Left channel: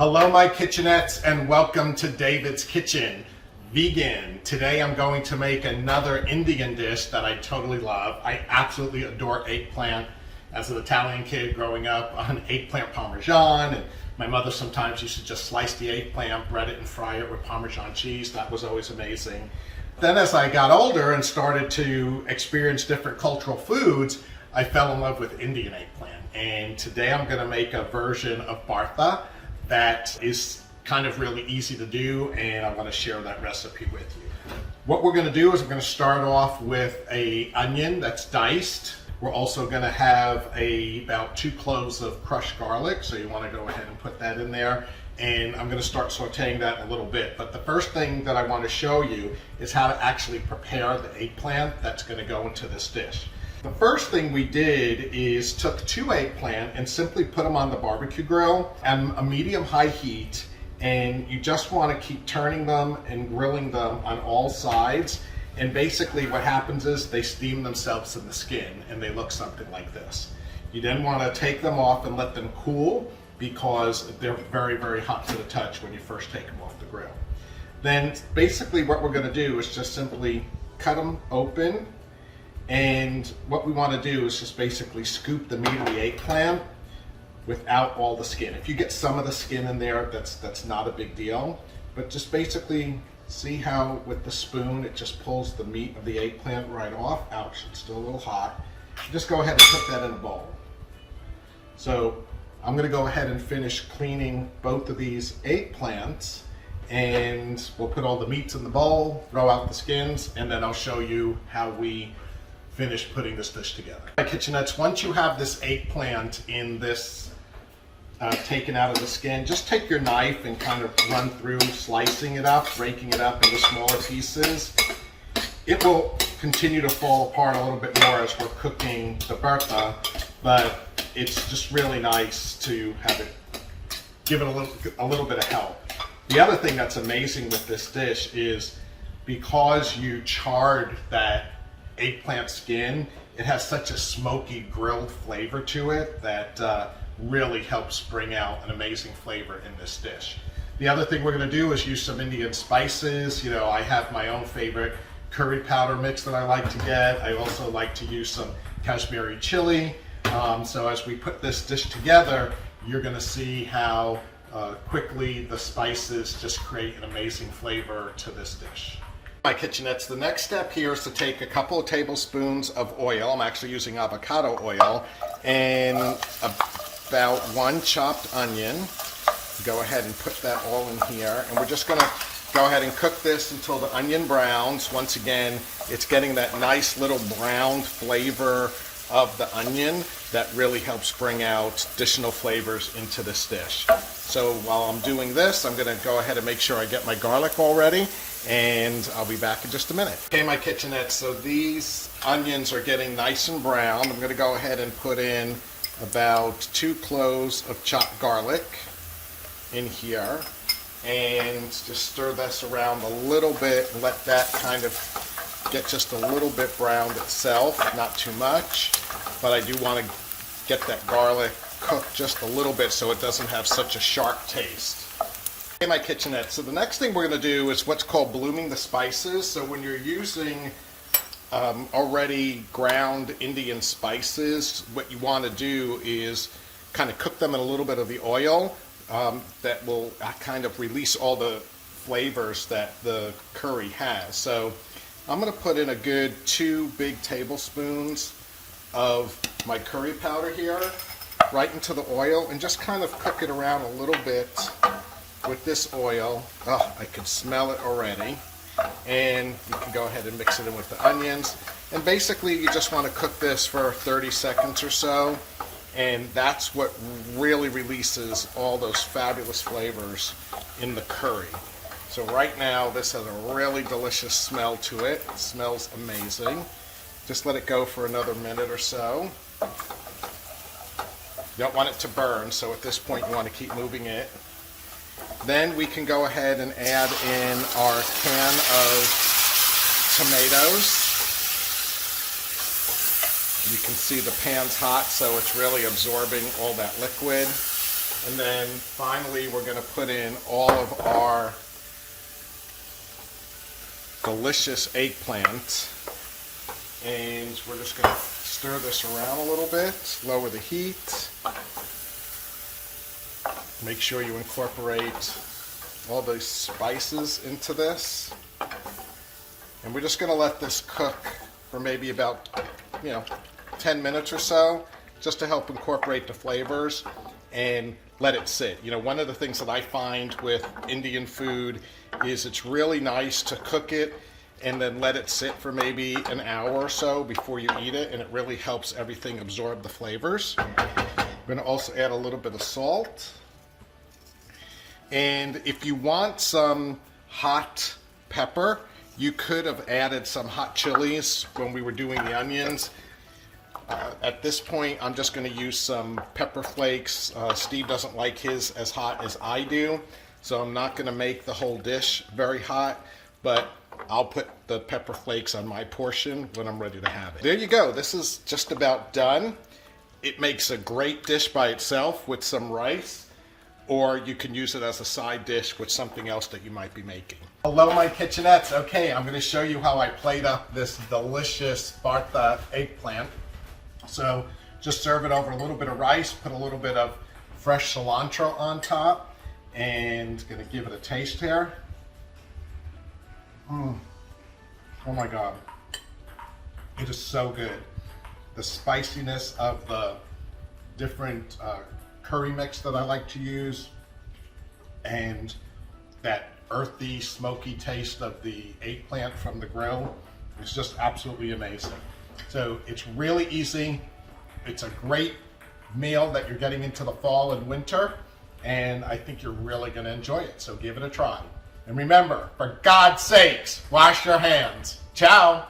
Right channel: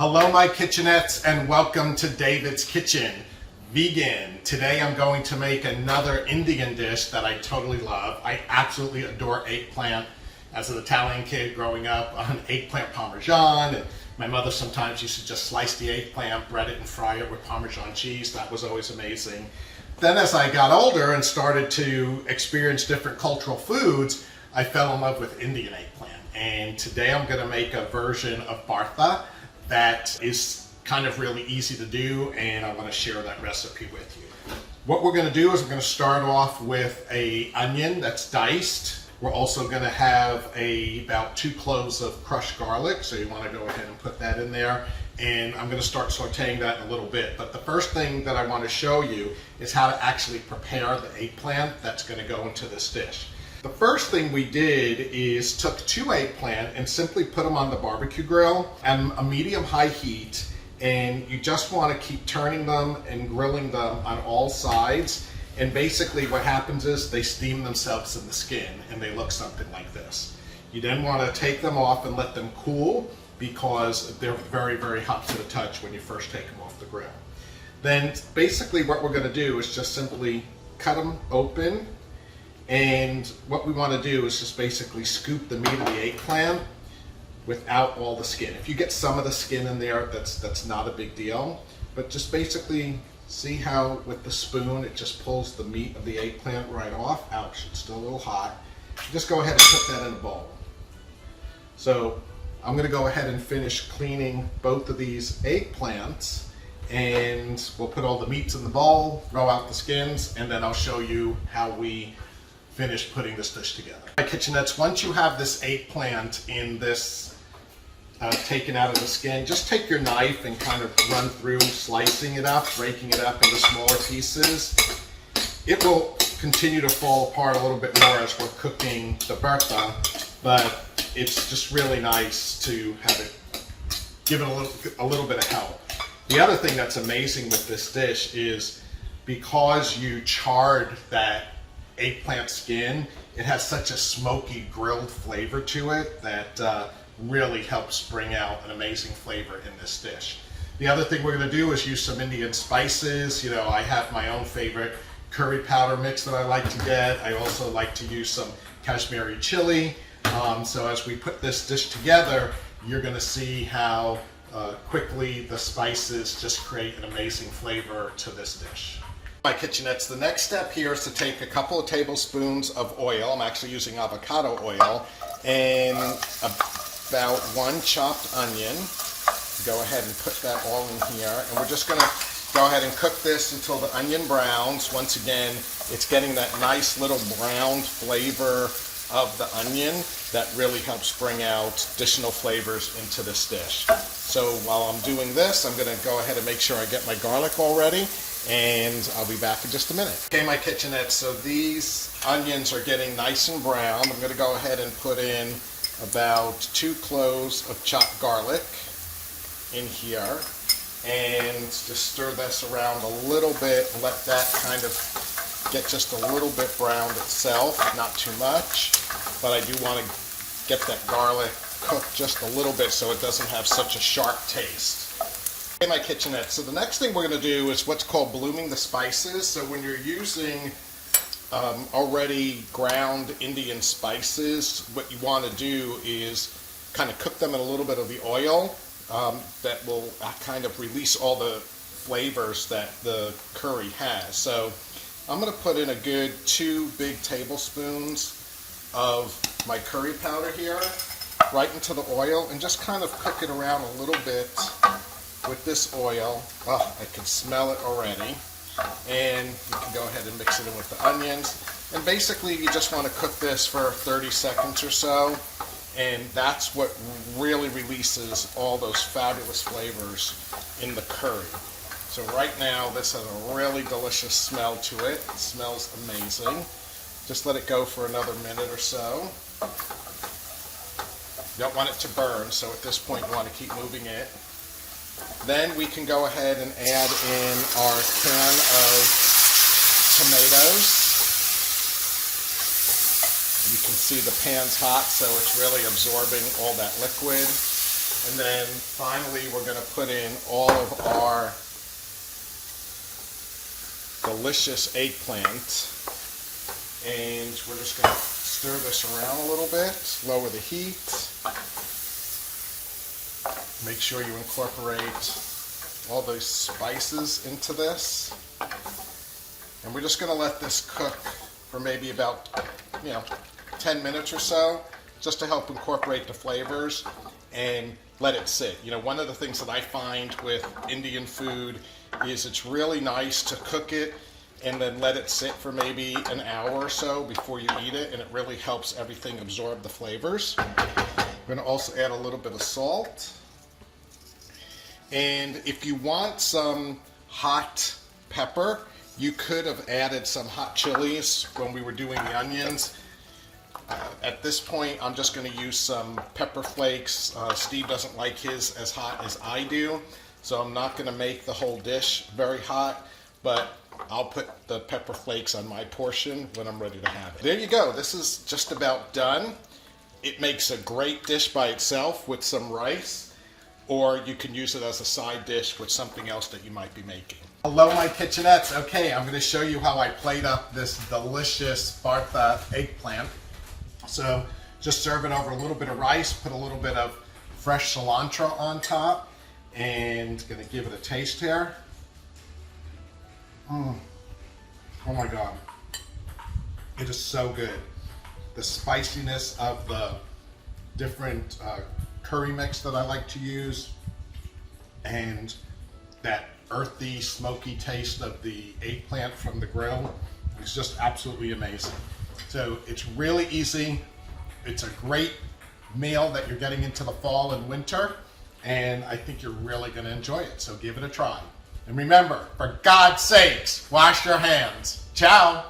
Hello my kitchenettes and welcome to David's Kitchen. Vegan. Today I'm going to make another Indian dish that I totally love. I absolutely adore eggplant. As an Italian kid growing up on eggplant parmesan, and my mother sometimes used to just slice the eggplant, bread it and fry it with Parmesan cheese. That was always amazing. Then as I got older and started to experience different cultural foods, I fell in love with Indian eggplant. And today I'm going to make a version of Bharta that is kind of really easy to do, and I want to share that recipe with you. What we're going to do is we're going to start off with an onion that's diced. We're also going to have about 2 cloves of crushed garlic, so you want to go ahead and put that in there. And I'm going to start sauteing that in a little bit. But the first thing that I want to show you is how to actually prepare the eggplant that's going to go into this dish. The first thing we did is took 2 eggplant and simply put them on the barbecue grill at a medium-high heat, and you just want to keep turning them and grilling them on all sides. And basically what happens is they steam themselves in the skin and they look something like this. You then want to take them off and let them cool because they're very, very hot to the touch when you first take them off the grill. Then basically what we're going to do is just simply cut them open. And what we want to do is just basically scoop the meat of the eggplant without all the skin. If you get some of the skin in there, that's not a big deal. But just basically see how with the spoon it just pulls the meat of the eggplant right off. Ouch, it's still a little hot. Just go ahead and put that in a bowl. So I'm going to go ahead and finish cleaning both of these eggplants, and we'll put all the meats in the bowl, throw out the skins, and then I'll show you how we finish putting this dish together. My kitchenettes, once you have this eggplant in this taken out of the skin, just take your knife and kind of run through slicing it up, breaking it up into smaller pieces. It will continue to fall apart a little bit more as we're cooking the Bharta, but it's just really nice to have it, give it a little bit of help. The other thing that's amazing with this dish is because you charred that eggplant skin, it has such a smoky grilled flavor to it that really helps bring out an amazing flavor in this dish. The other thing we're going to do is use some Indian spices. You know, I have my own favorite curry powder mix that I like to get. I also like to use some Kashmiri chili. So as we put this dish together, you're going to see how quickly the spices just create an amazing flavor to this dish. My kitchenettes, the next step here is to take a couple of tablespoons of oil. I'm actually using avocado oil, and about 1 chopped onion. Go ahead and put that all in here, and we're just going to go ahead and cook this until the onion browns. Once again, it's getting that nice little browned flavor of the onion that really helps bring out additional flavors into this dish. So while I'm doing this, I'm going to go ahead and make sure I get my garlic all ready, and I'll be back in just a minute. Okay, my kitchenette, so these onions are getting nice and brown. I'm going to go ahead and put in about 2 cloves of chopped garlic in here, and just stir this around a little bit and let that kind of get just a little bit browned itself, not too much, but I do want to get that garlic cooked just a little bit so it doesn't have such a sharp taste. Okay, my kitchenette, so the next thing we're going to do is what's called blooming the spices. So when you're using already ground Indian spices, what you want to do is kind of cook them in a little bit of the oil that will kind of release all the flavors that the curry has. So I'm going to put in a good 2 big tablespoons of my curry powder here right into the oil, and just kind of cook it around a little bit with this oil. Oh, I can smell it already. And you can go ahead and mix it in with the onions. And basically you just want to cook this for 30 seconds or so, and that's what really releases all those fabulous flavors in the curry. So right now this has a really delicious smell to it. It smells amazing. Just let it go for another minute or so. You don't want it to burn, so at this point you want to keep moving it. Then we can go ahead and add in our can of tomatoes. You can see the pan's hot, so it's really absorbing all that liquid. And then finally, we're going to put in all of our delicious eggplant. And we're just going to stir this around a little bit, lower the heat. Make sure you incorporate all those spices into this. And we're just going to let this cook for maybe about, 10 minutes or so, just to help incorporate the flavors and let it sit. One of the things that I find with Indian food is it's really nice to cook it and then let it sit for maybe an hour or so before you eat it, and it really helps everything absorb the flavors. I'm going to also add a little bit of salt. And if you want some hot pepper, you could have added some hot chilies when we were doing the onions. At this point, I'm just going to use some pepper flakes. Steve doesn't like his as hot as I do, so I'm not going to make the whole dish very hot, but I'll put the pepper flakes on my portion when I'm ready to have it. There you go. This is just about done. It makes a great dish by itself with some rice, or you can use it as a side dish with something else that you might be making. Hello, my kitchenettes. Okay, I'm going to show you how I plate up this delicious Bharta eggplant. So just serve it over a little bit of rice, put a little bit of fresh cilantro on top, and going to give it a taste here. Oh my God. It is so good. The spiciness of the different curry mix that I like to use, and that earthy, smoky taste of the eggplant from the grill is just absolutely amazing. So it's really easy. It's a great meal that you're getting into the fall and winter, and I think you're really going to enjoy it. So give it a try. And remember, for God's sakes, wash your hands. Ciao.